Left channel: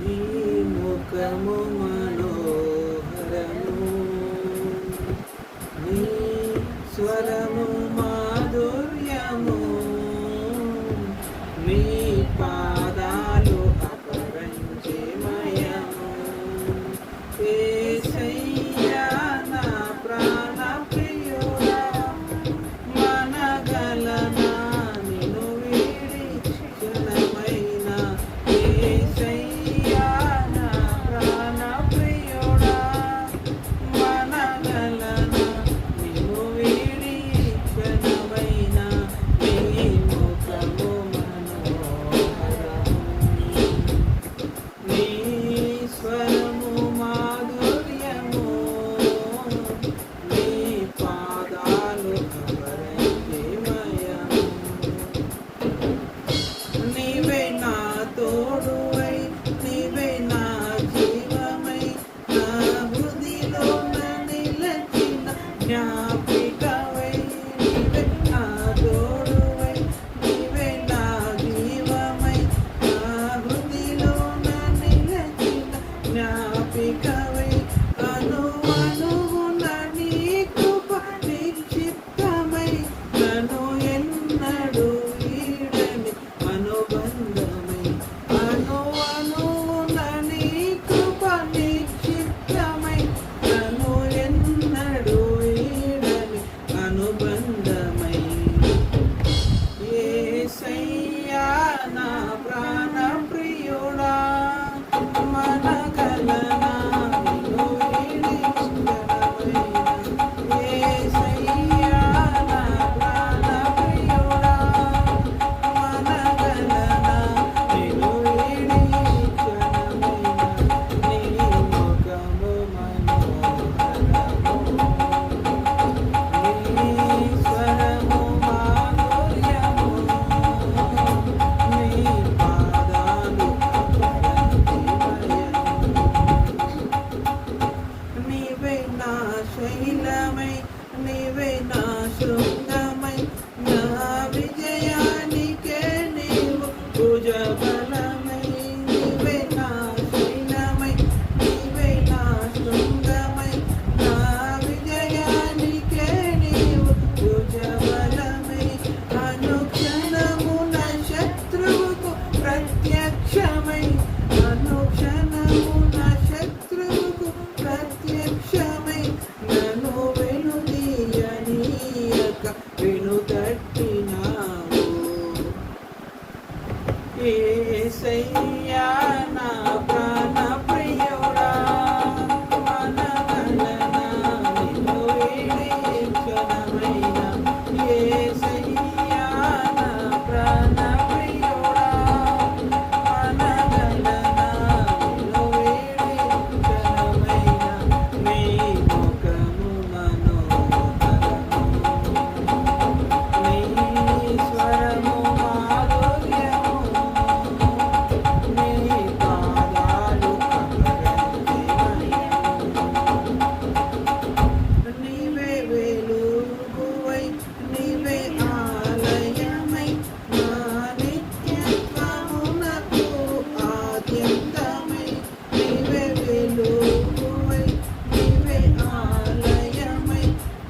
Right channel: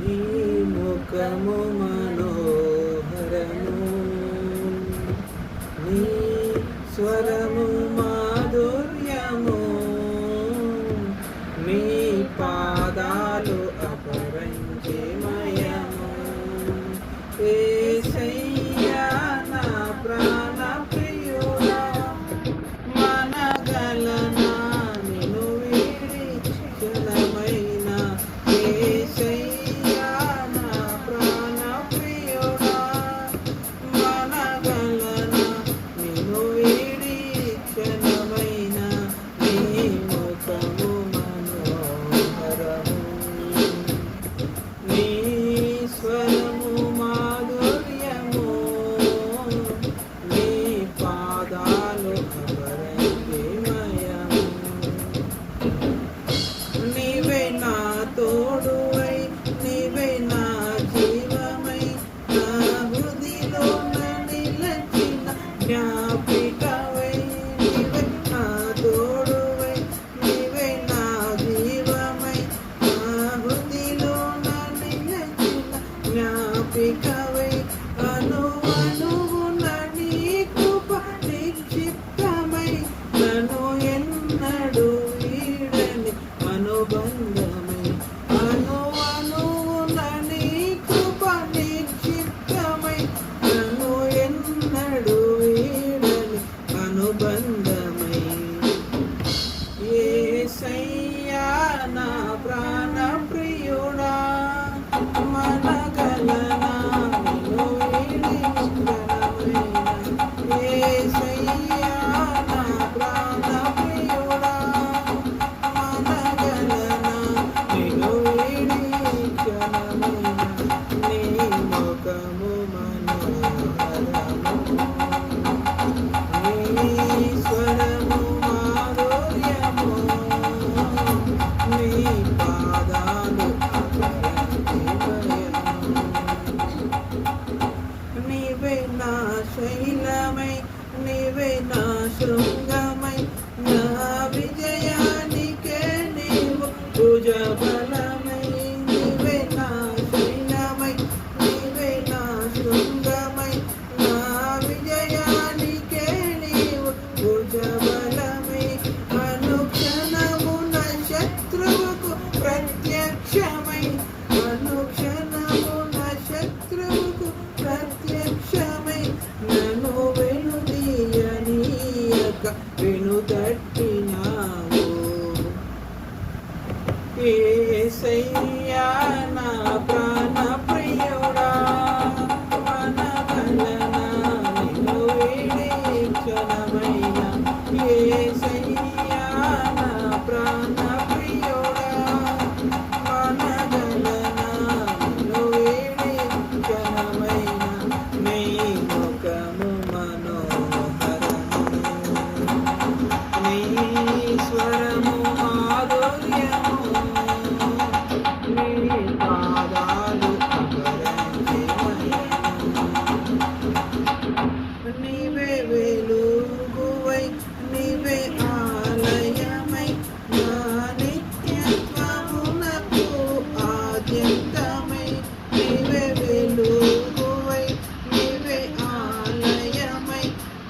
నీ ముఖము మనోహరము, నీ స్వరము మాధుర్యము, నీ పాదాలు అపరంజిమయము. యేసయ్యా నా ప్రాణ ప్రియుడా, మనగలనా నిన్ను వీడి క్షణమైన. యేసయ్యా నా ప్రాణ ప్రియుడా, మనగలనా నిన్ను వీడి క్షణమైన. నీ ముఖము మనోహరము, నీ స్వరము మాధుర్యము, నీ పాదాలు అపరంజిమయము. నీవే నా తోడువై, నీవే నా జీవమై, నా హృదిలో నిలచిన జ్ఞాపికవై. నీవే నా తోడువై, నీవే నా జీవమై, నా హృదిలో నిలచిన జ్ఞాపికవై. అణువణువున నీ కృప నిక్షిప్తమై, నన్ను ఎన్నడూ వీడని అనుబంధమై. అణువణువున నీ కృప నిక్షిప్తమై, నన్ను ఎన్నడూ వీడని అనుబంధమై. యేసయ్యా నా ప్రాణ ప్రియుడా, మనగలనా నిన్ను వీడి క్షణమైన. యేసయ్యా నా ప్రాణ ప్రియుడా, మనగలనా నిన్ను వీడి క్షణమైన. నీ ముఖము మనోహరము, నీ స్వరము మాధుర్యము, నీ పాదాలు అపరంజిమయము. నీవే నా శైలమై, నీవే నా శృంగమై, నా విజయానికే నీవు భుజబలమై. నీవే నా శైలమై, నీవే నా శృంగమై, నా విజయానికే నీవు భుజబలమై. అనుక్షణమున శత్రువుకు ప్రత్యక్షమై, అనుక్షణమున శత్రువుకు ప్రత్యక్షమై, నన్ను వెనుదీయనీయక వెనుతట్టినావు. యేసయ్యా నా ప్రాణ ప్రియుడా, మనగలనా నిన్ను వీడి క్షణమైన. యేసయ్యా నా ప్రాణ ప్రియుడా, మనగలనా నిన్ను వీడి క్షణమైన. నీ ముఖము మనోహరము, నీ స్వరము మాధుర్యము, నీ పాదాలు అపరంజిమయము. నీవే వెలుగువై, నీవే ఆలయమై, నా నిత్యత్వమునకు ఆద్యంతమై. నీవే వెలుగువై, నీవే ఆలయమై,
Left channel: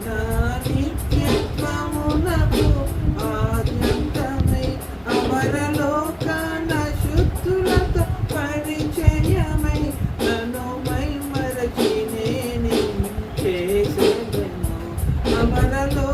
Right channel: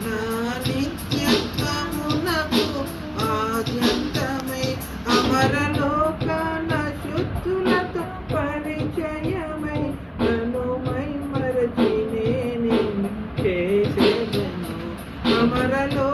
నా నిత్యత్వమునకు ఆద్యంతమై. అమరలోకన శుద్ధులతో పరిచయమై, నన్ను మైమరచి నేను చేసేదను. అమరలో